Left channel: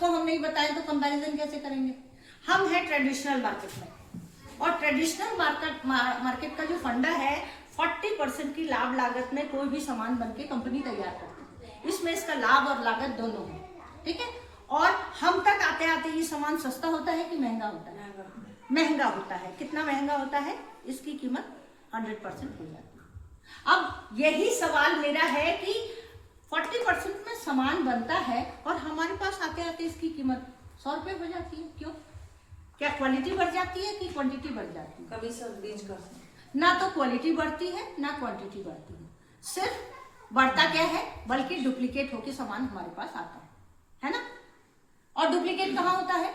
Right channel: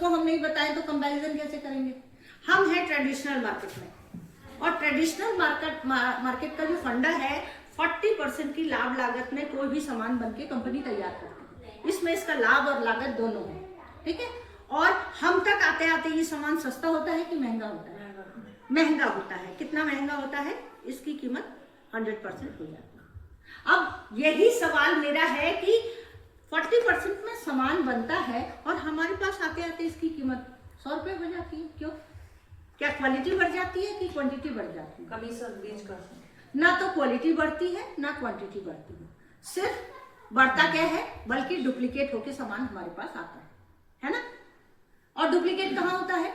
उसको हम नहीं बताएं तो कंपैरिजन कैसे करेंगे? हम है ट्रेडिशनल मार्केट में, और ट्रेडिशनल मार्केट का जो फंडा है 40% की लाभ लागत में कोई भी सामान बनके कंपनी तैयार करती है। इसमें इसका लाभ और लागत दोनों है, ठीक है। और हम तक आते आते ये सामान सस्ता होता है कि महंगा होता है? महंगा होता है। कितना महंगा होता है? इसकी कीमत 100% हो जाती है। अब यही सवाल मेरा है कि 40% में सामान बनता है और हमारे पास आते आते इसकी कीमत 100 रुपए हो जाती है, क्यों? क्या क्वालिटी बढ़ जाती है कि क्वांटिटी बढ़ जाती है? कभी सब बीच कर ना तो क्वालिटी बढ़ती है ना क्वांटिटी बढ़ती है, सिर्फ बढ़ता क्या है, बल्कि डुप्लीकेट होके सामान हमारे पास आता है ना। और डुप्लीकेट कहाँ होता है?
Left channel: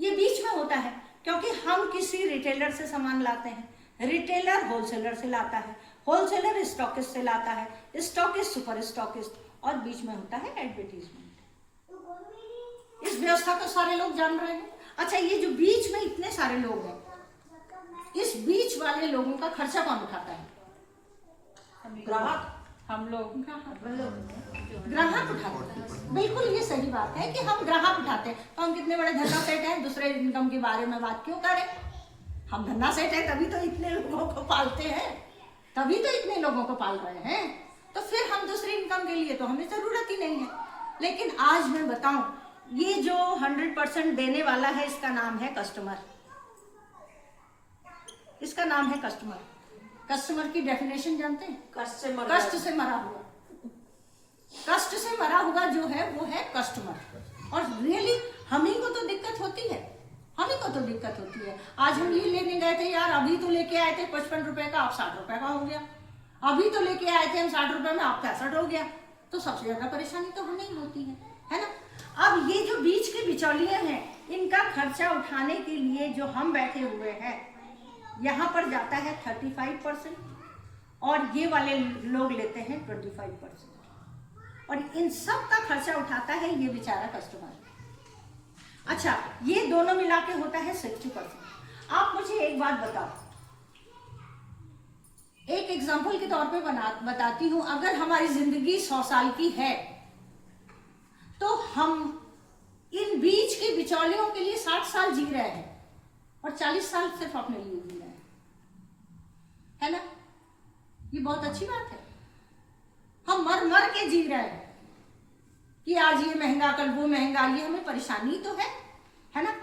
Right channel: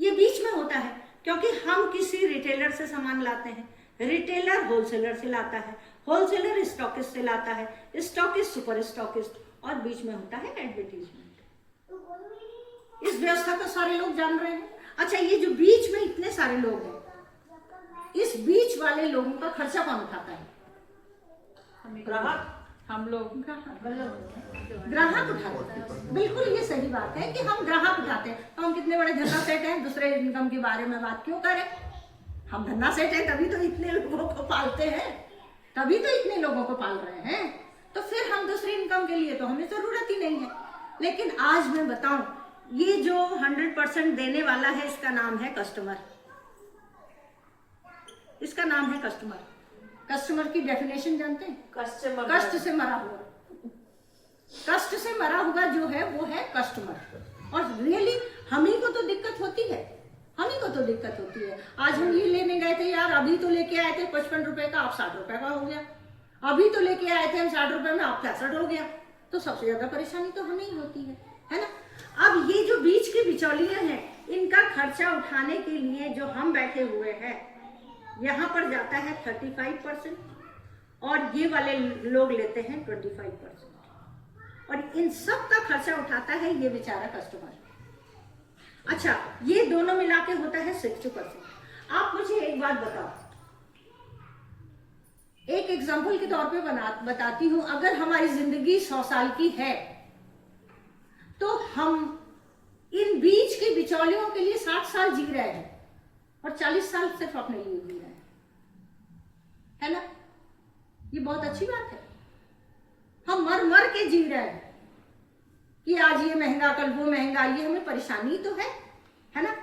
ये बीच में होता है, क्योंकि हम किसी रिटेलर से सामान लाते हैं, रिटेलर होलसेलर से लाता है, होलसेलर स्टॉकिस्ट से लाता है, स्टॉकिस्ट सुपर स्टॉकिस्ट, और बीच में होता है एडवर्टीजमेंट। इस व्यवस्था को सारे लोग जान रहे हैं। अच्छा, ये जो बीच में इतने सारे लोग हैं, इस बीच वाले लोगों का खर्चा कौन उठाता है? ग्राहक, हम लोग ग्राहक उठाते हैं। बिल्कुल ये सही बात है कि हम ग्राहक उठाते हैं। तो हम कितने बड़े धन्ना सेठ हैं, दूसरे इनकम के बारे में बात क्यों करें? हम धन्ना सेठ हैं तभी तो इतने लोगों को पालते हैं, तभी तो इतने लोगों को पाल रहे हैं। तो फिर हम दूसरी इनकम के लिए तो हमें जरूरत ही नहीं है। लेकिन आज मैं बताऊं, ये जो 100% देने वाला है, इसका नाम है कस्टमर। इसका नाम है कस्टमर। कस्टमर की डेफिनेशन जानते हैं? कस्टमर, कष्ट से मरा हुआ। कष्ट से मरा हुआ जो है वो है कस्टमर। और रियली हम ही को तो दिक्कत होती है, हम ही को तो दिक्कत होती है। आज हम ये लेने गए थे यार, अभी तो लेके आए थे 55 रुपए का, अब 60 रुपए का हो गया। अभी तो लेके आए थे हम 60 रुपए में, अब 65 हो गया। तो सबसे ज्यादा परेशानी तो हमें ही होती है ना। अब ये जो बीच के बिचौलिए हैं, इनका खर्चा उठाने के लिए जो हम बैठे हुए हैं, यहाँ पर जाता है 35% और ये वाले लोग लेते हैं 25%, और इन सब का खर्चा उठाता है ये बेचारा कस्टमर। अच्छा, ये दोनों मिला के होता है 60%। आप मुझे एक बात बताओ, एक एग्जाम्पल के तौर पे बताती हूं। अगर हमारी जिंदगी 100 साल की है तो हम इन बीच के बिचौलियों के लिए 60 साल जी रहे हैं और 40 साल सिर्फ अपने लिए जी रहे हैं, है ना। ये बहुत अच्छी बात है। हम मर मर के जी रहे हैं कि आज ये महंगा, कल वो महंगा, ये हमें परेशानी तो है ना।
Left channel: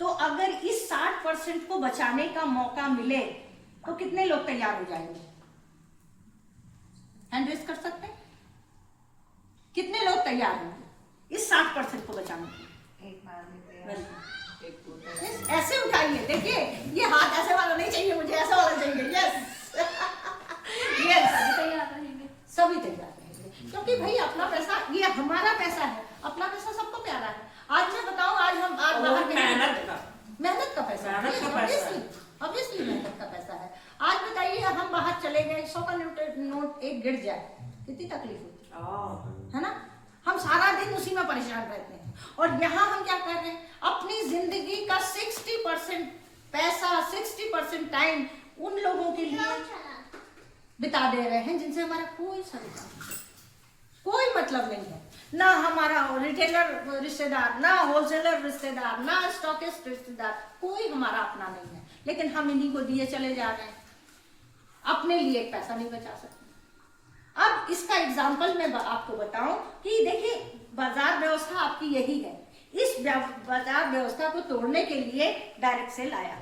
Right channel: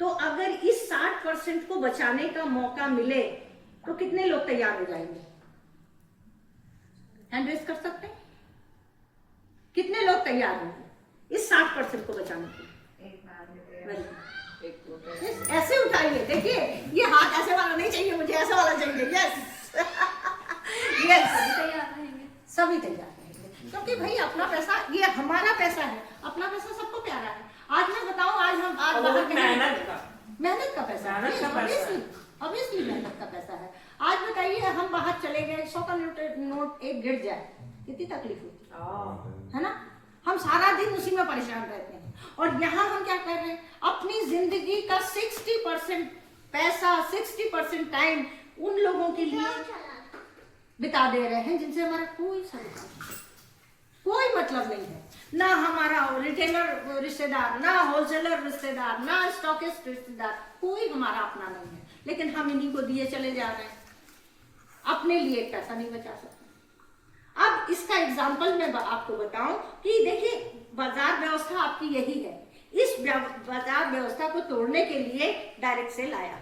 तो अगर इस 60% को बचाने का मौका मिले तो कितने लोग तैयार हो जाएंगे? हैंड रेज कर सकते हैं? कितने लोग तैयार होंगे इस 60% को बचाने के लिए? ऐसे उठाइए, देखिए ये हाथ ऐसे वाला नहीं चाहिए मुझे, ऐसा वाला चाहिए। यस यस, सभी तैयार रहेंगे, क्योंकि भाई अपना पैसा, ये हमारा पैसा है, अपना पैसा सबको प्यारा है। आज मैं बताऊं, आज बाहर मेहनत का पैसा, ऑब्वियसली मेहनत का पैसा है। आज बताइए, हम बाहर चले गए, 100 का नोट एक गिर जाए, कितनी तकलीफ होती है ना। हम सारा दिन उसी में परेशान रहते हैं, और यहाँ हम क्या कर रहे हैं, अपनी जिंदगी का 60% पैसा, 60% टाइम उन लोगों के लिए बिता दे रहे हैं जिनसे हमारा कोई मतलब नहीं है। ना हमारा रिटेलर रिश्तेदार, ना होलसेलर रिश्तेदार, ना स्टॉकिस्ट रिश्तेदार, कोई हमारा अपना नहीं है। लेकिन हम इन्हीं को दिए चले जा रहे हैं, अपने लिए पैसा नहीं बचा सकते। अब इसका एग्जाम्पल मैं आपको बताऊं कि देखिए, बाजार व्यवस्था आपकी यही है। इस बाजार व्यवस्था को तोड़ने के लिए डायरेक्ट सेल आया,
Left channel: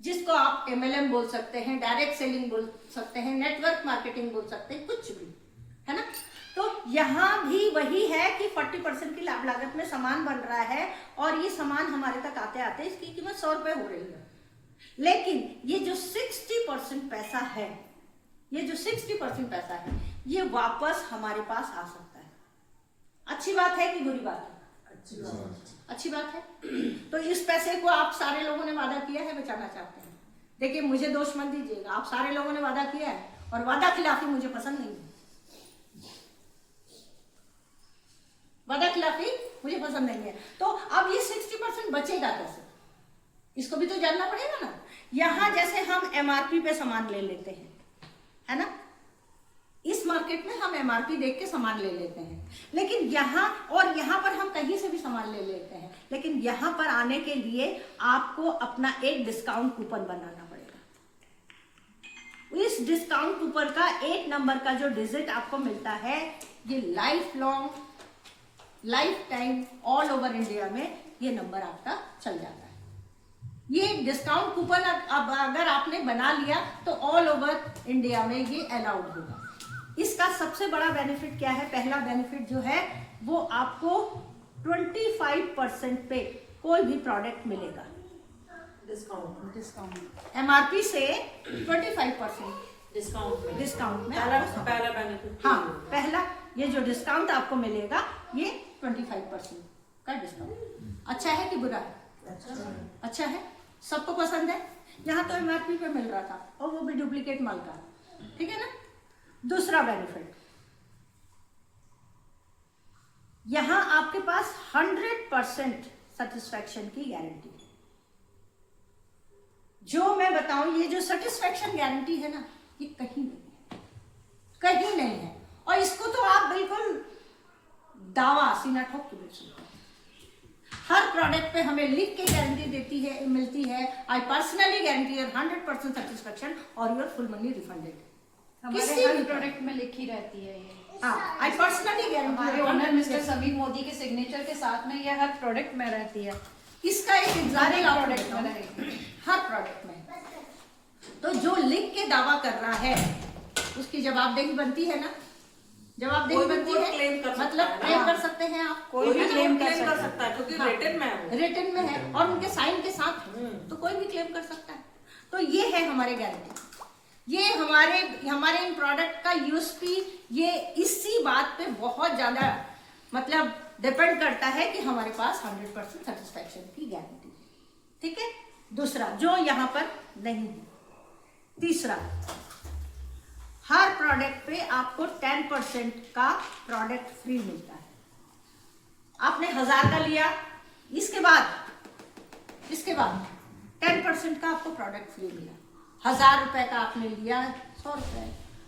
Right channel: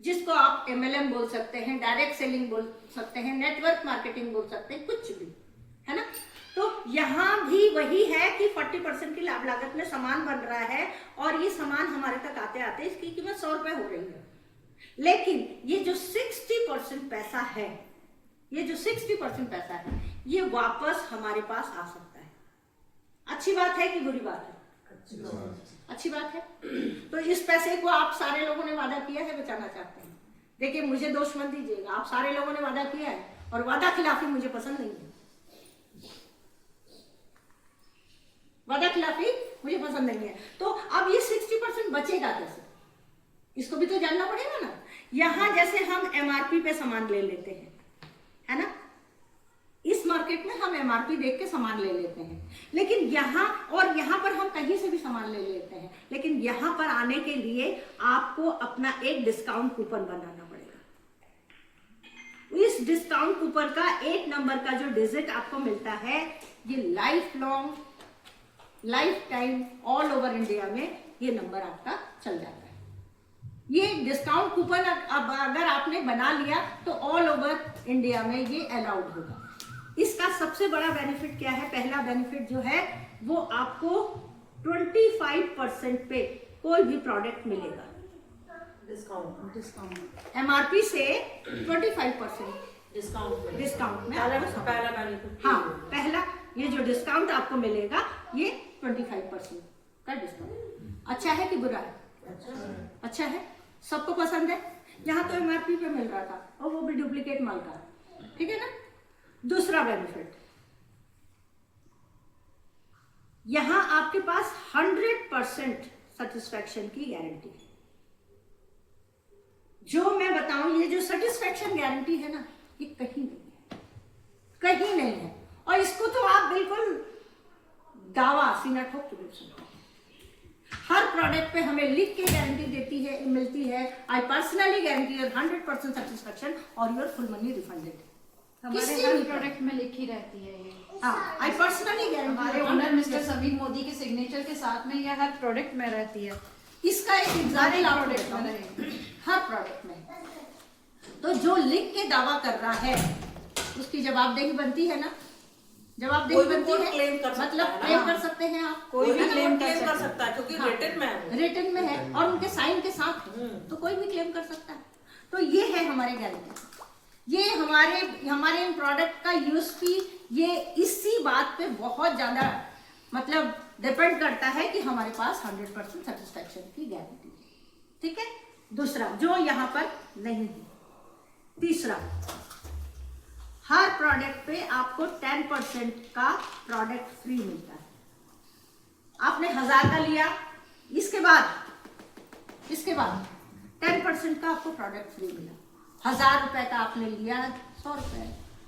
जिसको आप MLM बोल सकते हैं, डायरेक्ट सेलिंग बोल सकते हैं, नेटवर्क मार्केटिंग बोल सकते हैं, कुछ भी, है ना। तो यहाँ भी वही है कि 40% की लाभ लागत में सामान बन रहा है, और ये सामान हमारे तक आते आते इसकी कीमत 100 रुपए हो रही है। लेकिन ये जो 60% पैसा है, ये जो 60% पैसा है, ये वापस हमारे पास आ सकता है। अच्छी बात है कि बुरी बात है? अच्छी बात है। तो इस पैसे को आप सारे लोगों ने वादा किया है, बचाना चाहते हैं। देखिए, मुझे दोष मत दीजिएगा, आप सारे लोगों ने वादा किया है, और वादा खिलाफी मुझे पसंद नहीं है। वादा खिलाफी मुझे पसंद नहीं है। तो अब ये 60% बचेगा कैसे, इसको भी तो जानना पड़ेगा ना। यहां जैसे हम MRP पे सामान ले लेते हैं, है ना, इस मार्केट में हम एमआरपी देख के सामान ले लेते हैं, लेकिन यहाँ पर हम कहीं से भी सामान ले लेते हैं, लेकिन यहाँ पर आने के लिए आपको अपना एक डिस्काउंट कूपन बनाना पड़ेगा। इस डिस्काउंट कूपन का 8 नंबर का जो डिजिट आपको मिलता है, ये life time all over India में ये नंबर आपका चल जाता है। ये डिस्काउंट कूपन अब अगर आपने बना लिया तो ऑल ओवर इंडिया में ये अलाउड होगा। इसका सबसे बड़ा बेनिफिट क्या है? पहला बेनिफिट जो है वो आपको 25% पे कोई भी प्रोडक्ट मिलेगा डिस्काउंट एमआरपी से 25% डिस्काउंट में पहला बेनिफिट। हाँ, पहला ये जो डिस्काउंट आपको मिलेगा ये 25% का डिस्काउंट। अच्छा है कि बुरा है? अच्छा है, सबको पसंद है। यहाँ तो एमआरपी पे मिल रहा था और वो भी डुप्लीकेट माल का, ठीक है ना। दूसरा बेनिफिट, यहाँ आपके पास 100% सेटिस्फैक्शन की गारंटी है। जो मैं बताऊं, ये जो सेटिस्फैक्शन गारंटी है ना, ये कहीं नहीं है। और इसको तो आप बिल्कुल दावा सीना ठोक के बोल सकते हैं। हर प्रोडक्ट पे हमें लिख के गारंटी मिलती है। I personally guarantee your 100% satisfaction और योर फुल मनी रिफंडेड। हमारे हर प्रोडक्ट में लिखी रहती है ये। हाँ, आई पर्सनली गारंटी। हमारे ओनर मिस्टर समीर मोदी के सिग्नेचर के साथ में ये हर प्रोडक्ट में रहती है। इसका एक एग्जाम्पल आपको प्रोडक्ट देता में हूं। रहेगी हर प्रोडक्ट में तो जो लिख के दावा कर रहा है उसकी जवाबदेही बनती है ना। जवाबदेही बनती है, मतलब क्लेम कर सकते हैं आप, कोई भी क्लेम कर सकता है क्योंकि रिटन में है और उनके साइन के साथ तो कोई भी क्लेम कर सकता है। तो ये है हमारे गारंटी। ये हमारे इन प्रोडक्ट का यूएसपी ये इसी बात पे बहुत ज्यादा मतलब डिपेंड करता है कि हमारे पास 100% सेटिस्फैक्शन की गारंटी है, ठीक है। दूसरा जो यहाँ पर नहीं है। तीसरा, हर प्रोडक्ट पे आपको 10% का प्रोडक्ट फ्री मिलता है। आपने 1000 का लिया, इसके बाद 10% का आपको प्रोडक्ट फ्री मिला। 1000 रुपए का आपने लिया 100 रुपए,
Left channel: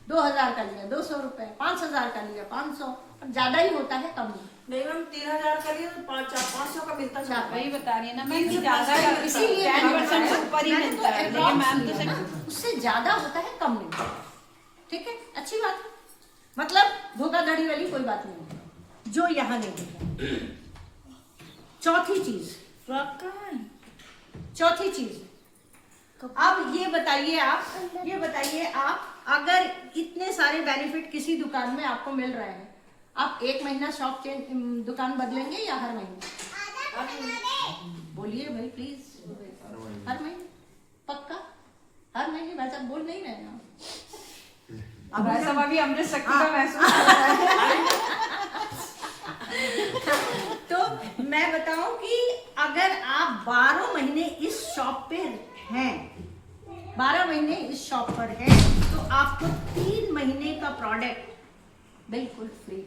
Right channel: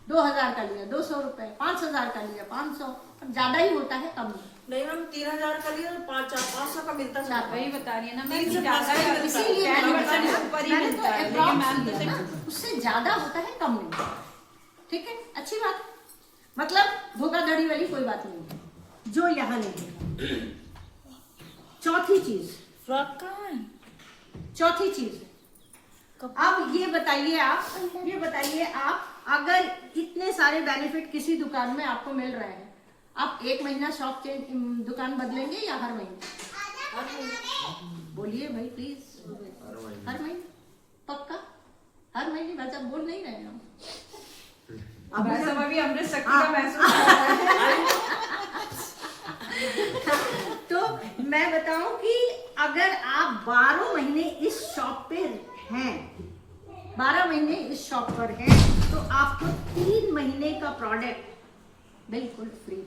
2000 का लिया 200 रुपए, 5000 का लिया 500, और ज्यादा ही होता है, कम नहीं मैम। 3000 का लिया 500 का मिलता है। वही बता रही है ना मैं, इसीलिए 10% ऊपर ही मिलता है, लेकिन मैम तो सिर्फ उससे ज्यादा होता है, कम नहीं, ठीक है। अच्छी बात, मतलब धोखाधड़ी वाली कोई बात नहीं है जो यहाँ नहीं है। चौथी चीज, अब ये बताइए आप अगर इतने सारे बेनिफिट किसी दुकान में आपको मिल रहे हैं, आप 1 महीना शॉप दुकान बदलेंगे या हर महीने? बोलिए भाई प्लीज। हर महीने पक्का? हर महीने भाई साहब बोल नहीं रहे ना। अभी अमृत शक्ति का महसूस हो रहा है। तो मैं बताऊं कि अगर आप 12 महीने इस शॉप पे हैं, 12 महीने इस शॉप पर हैं, तो आपको 3 महीने का प्रोडक्ट बिल्कुल फ्री है।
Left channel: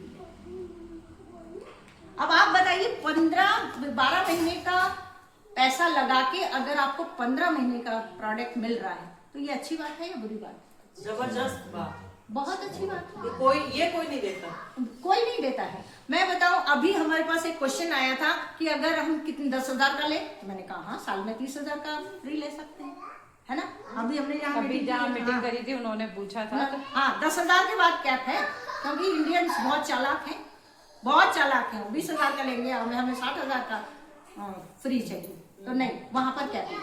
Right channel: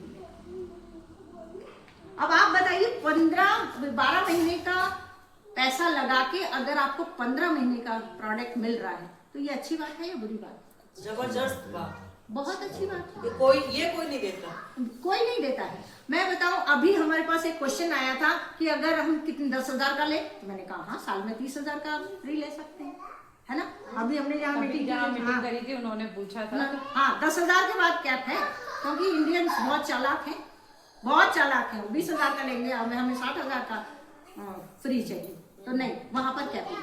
अब आप बताइए 12 महीने का पैसा लगा के अगर आपको 15 महीने का प्रोडक्ट मिल रहा है तो ये अच्छी बात है या बुरी बात? जबरदस्त बात, बहुत अच्छी बात है। कोई नहीं देता, कोई नहीं देता है। मैं बताऊं, अभी हमारे पास एक क्वेश्चन आया था कि अगर हम कितने 10,000 का ले, मैंने कहा हाँ, साल में 30,000 का फ्री ले सकते हैं, है ना। अभी हमने जहाँ मीटिंग करी थी उन्होंने पूछा था। हाँ, 10,000 के बाद कैप है, क्योंकि इंडियंस बहुत चालाक हैं। 20,000 का लेंगे, हमें 60,000 का फ्री चाहिए, तो नहीं, वहां पर कैप है।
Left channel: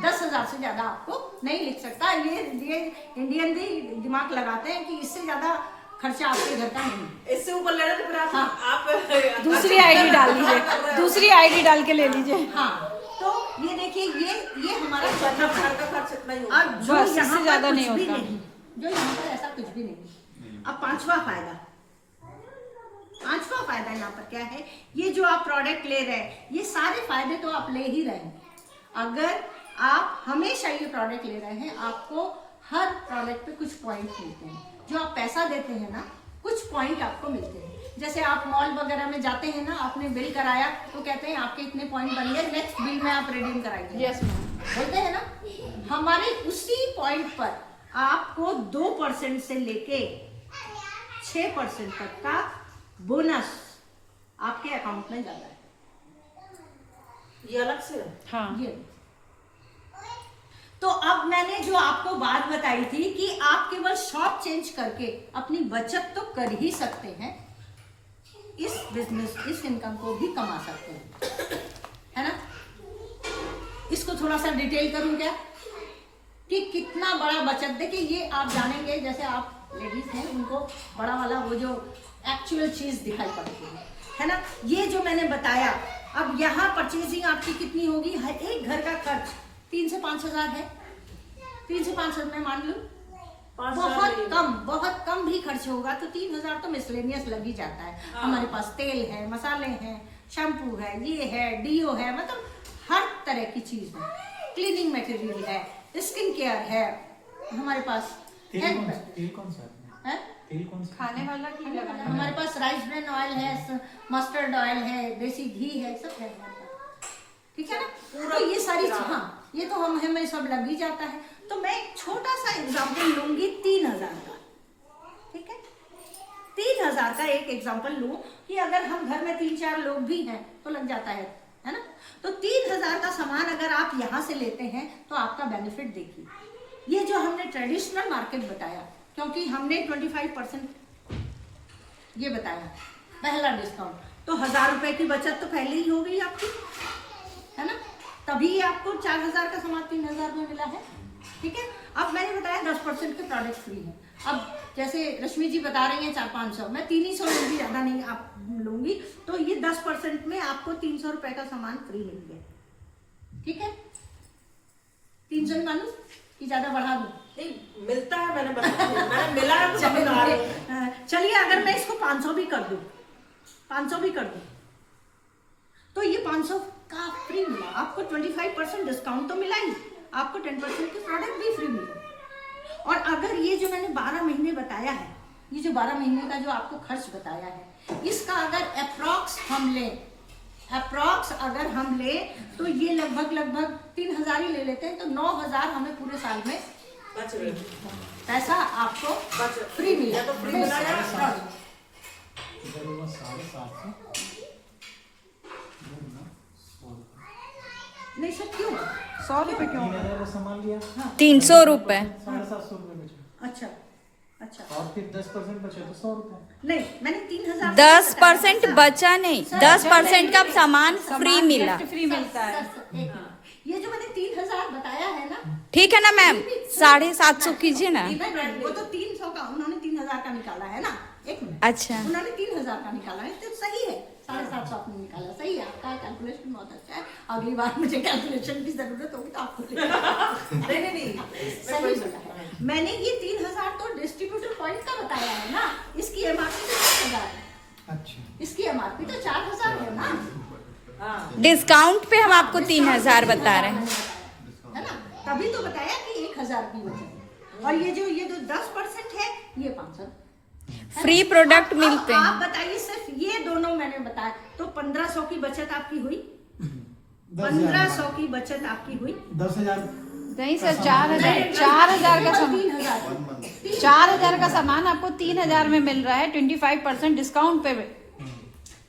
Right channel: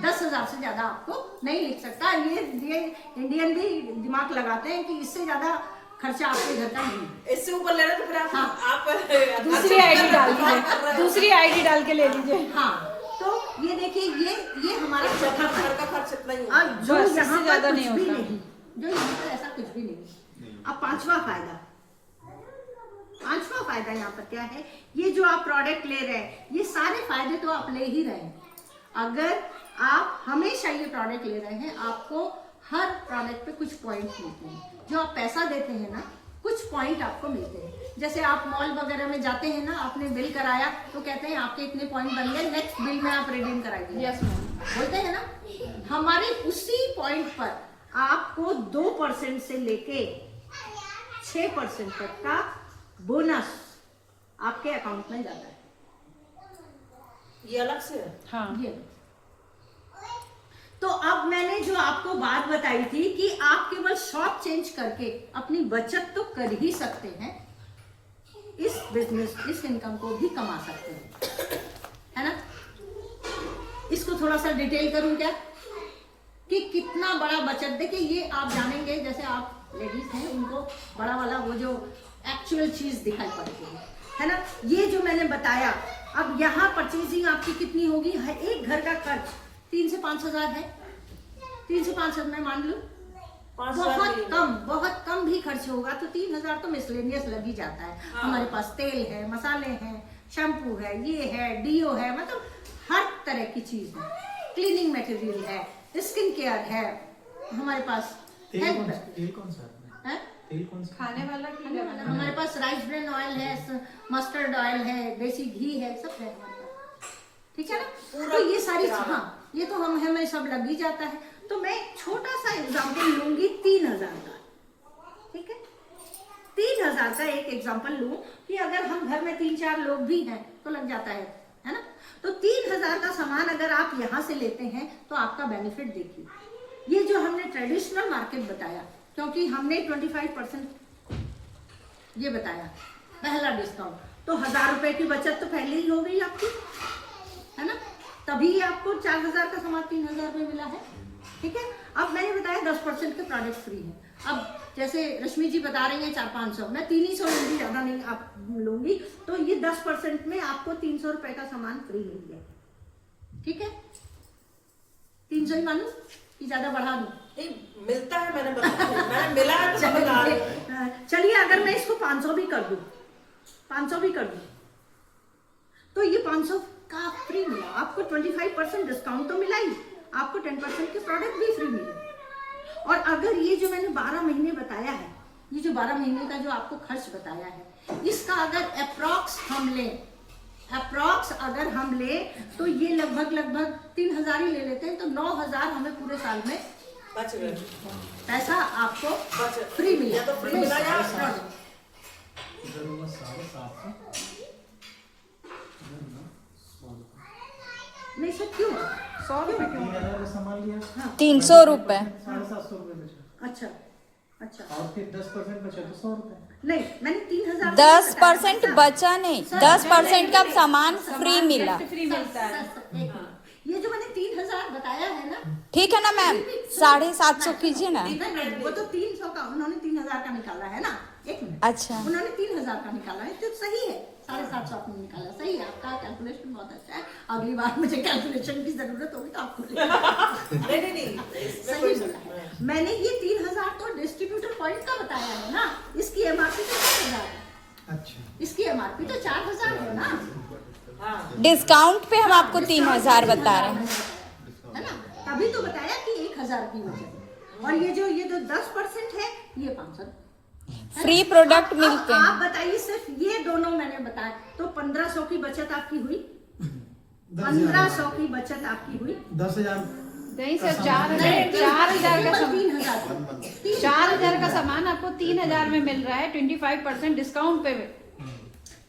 10,000 से ज्यादा आपको नहीं लिख सकता। ये इंडियन भी दिमाग लगाते हैं कि इससे ज्यादा खर्चा आपके घर का नहीं है। इससे ऊपर ले तो फिर आप दूसरी आईडी डाल लीजिए, दूसरी आईडी डाल के ले लीजिए। हाँ, तो ये देखिए, ये हमारा घर का खर्च इतना ही होगा। जो यहाँ पर ज्यादा कुछ नहीं भी होता। नहीं, जो यहाँ पर ऐसा कुछ भी नहीं। अब पांचवा फायदा यहाँ पर क्या है? ये जो आप प्रोडक्ट ले रहे हैं, ये सारे फायदे तो आप ले ही रहे हैं। अगर आप हमेशा ये प्रोडक्ट ले रहे हैं, आपको हर प्रोडक्ट पे कुछ पॉइंट मिलते हैं। जो आप पैसा देते हैं ना, कुछ पॉइंट आपको मिलते हैं। जैसे आप मॉल वगैरह में जाते हैं ना, आपने बिल कराया तो कहते हैं आपके इतने पॉइंट बन गए, नेक्स्ट बिल में आप रिडीम कराइए। यस मैम, बोलते हैं ना। हमारे उसी पॉइंट पर आपको 2% से लेके 6% तक का बोनस आपके अकाउंट में जाता है। ये अलग से है। हाँ ये तो अब मैंने जो आपको बात बताई थी कि आप केवल शॉप चेंज करके अपनी बचत तो कर ही सकते हैं, इस बिजनेस इस इनकम को भी कमा सकते हैं, है ना। इसको थोड़ा सा डिटेल करूं क्या कि कितना बड़ा बचत। देखिए ये आप जानेंगे, जैसे आप लेडीज हैं उनको बड़ा वाला वो जो एक्चुअल चीज दिखाई पड़ती है ना। ये जो मैंने बताया, अब यहाँ परचेजिंग आपकी कितनी होगी, हर एक घर का खर्च 3 से 5 हजार है। 3 से 5 हजार मैं मान लूं, बहुत कम भी खर्च होगा तो 3 हजार तो मिसलेनियस लग ही जाता है। हाँ। हमारे पास तेल है, मसाले हैं, शैम्पू है, ये है, डीओ है, मतलब हर तरह की चीज है, क्लीनिंग मटेरियल है, स्किन केयर है हमारे पास। तेल कौन सा है? तेल कौन सा? खाने वाला की लगाना। हमारे पास राइस ब्रान ऑयल है, मस्टर्ड ऑयल है, देसी घी है, सब है हमारे पास, ठीक है ना। तो ये सारी, हाँ ये तो हमें सब लग ही जाता है। तो मैं एक छोटा सा एग्जांपल लूंगी 3000 का, ठीक है। 3000 का एक एग्जांपल लूं कि अगर हम घर में 3-4 लोग भी हैं तो लग जाता है ना। तो 3000 का सामान अगर आप यहाँ से लेते हैं तो आपका बेनिफिट देखिए, ये जो हमने ट्रेडिशनल मार्केट बताया, क्योंकि हमने 25% ये बताया पहला डिस्काउंट, तो 1000 रुपए की बचत तो पहले ही हो गई आपकी, है ना। तभी आपको 4000 का सामान 3000 में मिला है, ठीक है। अब मैंने बताया 10% के प्रोडक्ट फ्री हैं। अब जैसे रश्मि जी बता रही हैं 400-500, मैं 300 लूंगी, ज्यादा नहीं आप लूंगी, तो ये 10% में आपको 300 रुपए का सामान फ्री मिल गया, ठीक है। 300 ही मानू कि ज्यादा बढ़ा दूं? नहीं मिलता है, मैंने मिला है तो बता रही हूं। चलिए अगर मैं इसको 500 भी कर दूं, 500 भी कर दूं, तो ये 500 का फ्री मिला आपको। 25% डिस्काउंट तो मिला ही, आपको 10% के प्रोडक्ट भी फ्री मिले। और अगर ये जो मैंने 12 महीने बताया है, ये जो 12 महीने का जो आपको खर्च बताया है, इसका अगर अप्रॉक्स अगर हम ले तो ये लगभग 3000 ही ले लेते हैं, तो 9000 हमें पूरे साल में बच गए। पैसा आपको बच फ्री मिला। या तो फ्री मिला या इधर होगा 750। नहीं सर क्यों? 100 रुपए क्यों? 3000 का सामान लिया, हाँ 300 रुपए। 750 रुपए बचा, अच्छा अच्छा, और फिर 10% बचा तो 100 रुपए। नहीं मैंने 3000 10% बचा नहीं, 10% का सामान फ्री मिला। फ्री मिलता है। ये जो मैंने 3000 बताया है ना, ठीक है ना मैम, 750 कीजिए ना। वो तो 300 का, उन्होंने 3000 का निकाला है ना। एक मिनट, अच्छा उन्होंने 3000 का निकाला है तो सही है, 750 आपने निकाला, सही है, आपका कैलकुलेशन बहुत अच्छा है। अगली बार मुझे कैलकुलेशन की जरूरत होगी तो आपको नहीं सही बोला है मैंने। ये 3000 तो डिस्ट्रीब्यूटर पॉइंट का बताया है ना, इसकी एमआरपी तो 4000 है। अच्छा, इसकी एमआरपी तो 4000 है ना, डिस्काउंट पे हम आपको 3000 बता रहे हैं, है ना। तभी तो बताया कि 1000 की बचत। और ये जो 10% है ये 500 फ्री प्रोडक्ट मिलते आप हैं। बताइए सिर्फ ये दोनों मैंने बताया तो 1500 की बचत आपकी हुई, 10,000 की बचत आपकी हुई। 10,000 नहीं सर, 4000 का सामान, 3000 4000 का सामान आपको 3000 में मिल रहा है 25% डिस्काउंट पे।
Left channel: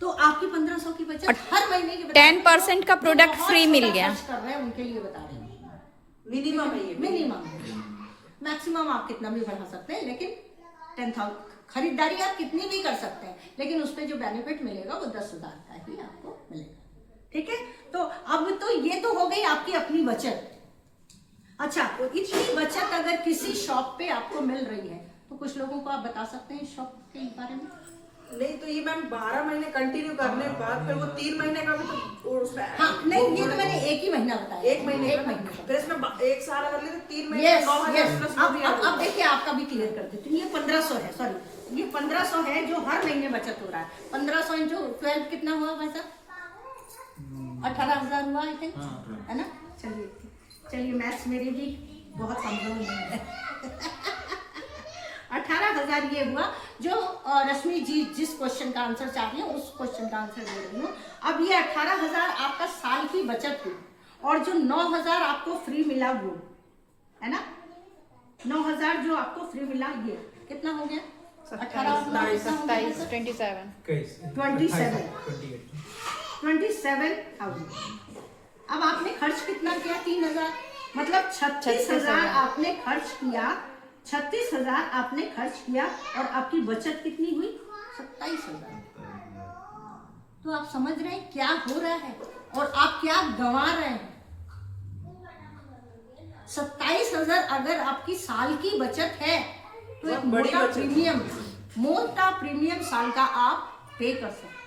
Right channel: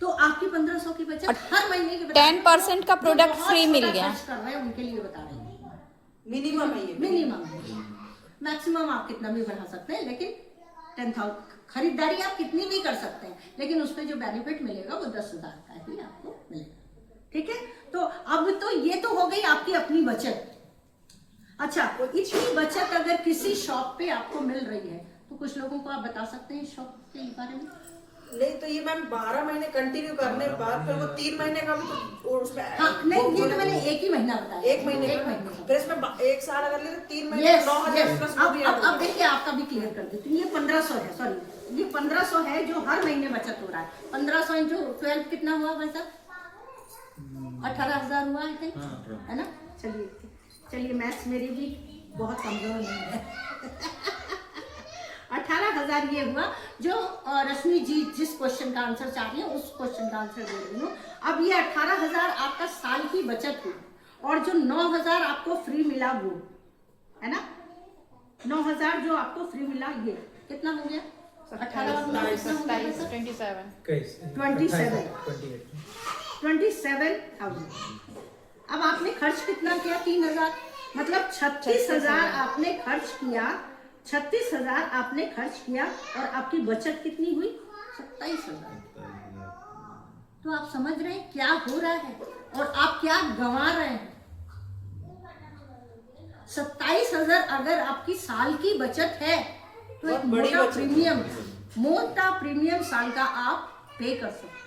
तो आपकी 1500 की बचत हर महीने की 10% का प्रोडक्ट फ्री मिल गया। खर्च कर रहे हैं उनके लिए बता रहे हैं, मिनिमम है ये। मिनिमम। मैक्सिमम आप कितना भी बढ़ा सकते हैं, लेकिन 10,000 खरीदारी आप कितनी भी कर सकते हैं, लेकिन उस पर जो बेनिफिट मिलेगा वो 10,000 का ही आपको मिलेगा, ठीक है। तो अब तो ये तो हो गई आपकी अपनी बचत। अच्छा, इतनी बचत अगर किसी शॉप पे आपको मिल रही है तो कुछ लोगों को आप बता सकते हैं इस शॉप के बारे में? नहीं तो ये मैम 12 महीने कंटिन्यू करने पर फिर वो 3 महीने का भी तो उसमें हाँ नहीं, ये तो मैंने एक ही महीना बताया, 1 महीने एक महीने का। फिर इसमें 1 साल अगर ले तो 3 महीने यस 9000 प्लस वो भी अब देखिए आपका भी क्लियर कर देती हूँ। ये 1500 है, सॉरी ये 1500 है जो हर महीने बचत हो रहा है। 1500 इंटू 12 कितना हुआ भाई साहब? 18,000 हुआ आई थिंक, है ना। चलिए मैथ्स मेरी भी बहुत कमजोर नहीं है। 18,000 ये हुआ जो रश्मि जी जिस क्वेश्चन का आंसर चाह रही है उस क्वेश्चन का आंसर दे रही हूँ। अब ये 18,000 आपका साल की बचत हुई, और जो 9,000 आपको फ्री मिला वो, है ना, 9,000 जो आपको फ्री मिला, ये कितना हो गया? 18 27 27,000। अब आपने खर्च कितना किया? 3,000, मतलब 36,000 आपने खर्च किया। 36,000 आपने खर्च किया और आपकी बचत कितनी हुई? 27,000। तो आप समझ रहे हैं क्या हो रहा है और आप क्या गंवा रहे हैं। 27,000 अगर आपकी साल की बचत है तो एक मोटा प्रीमियम साल का आप पे कर सकते हैं।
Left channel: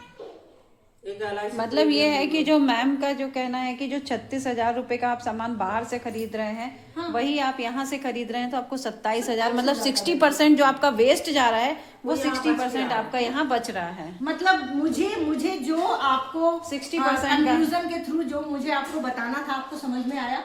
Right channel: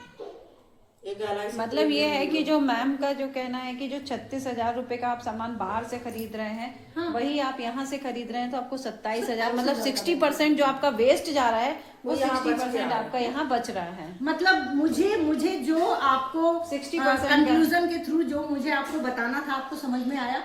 एक अलग मतलब ये है कि जो मैम का जो कहना है कि जो 36,000 रुपए का आप सामान बाहर से खरीद रहे हैं वही आप यहाँ से खरीद रहे हैं तो आपको 27,000 मतलब 60% जो आपका वेस्ट जा रहा है वो 60% आपका यहाँ बच रहा है। मतलब मुझे जो आपको 60% कंक्लूजन के थ्रू जो मुझे आपको बताना था आपको समझ में आया।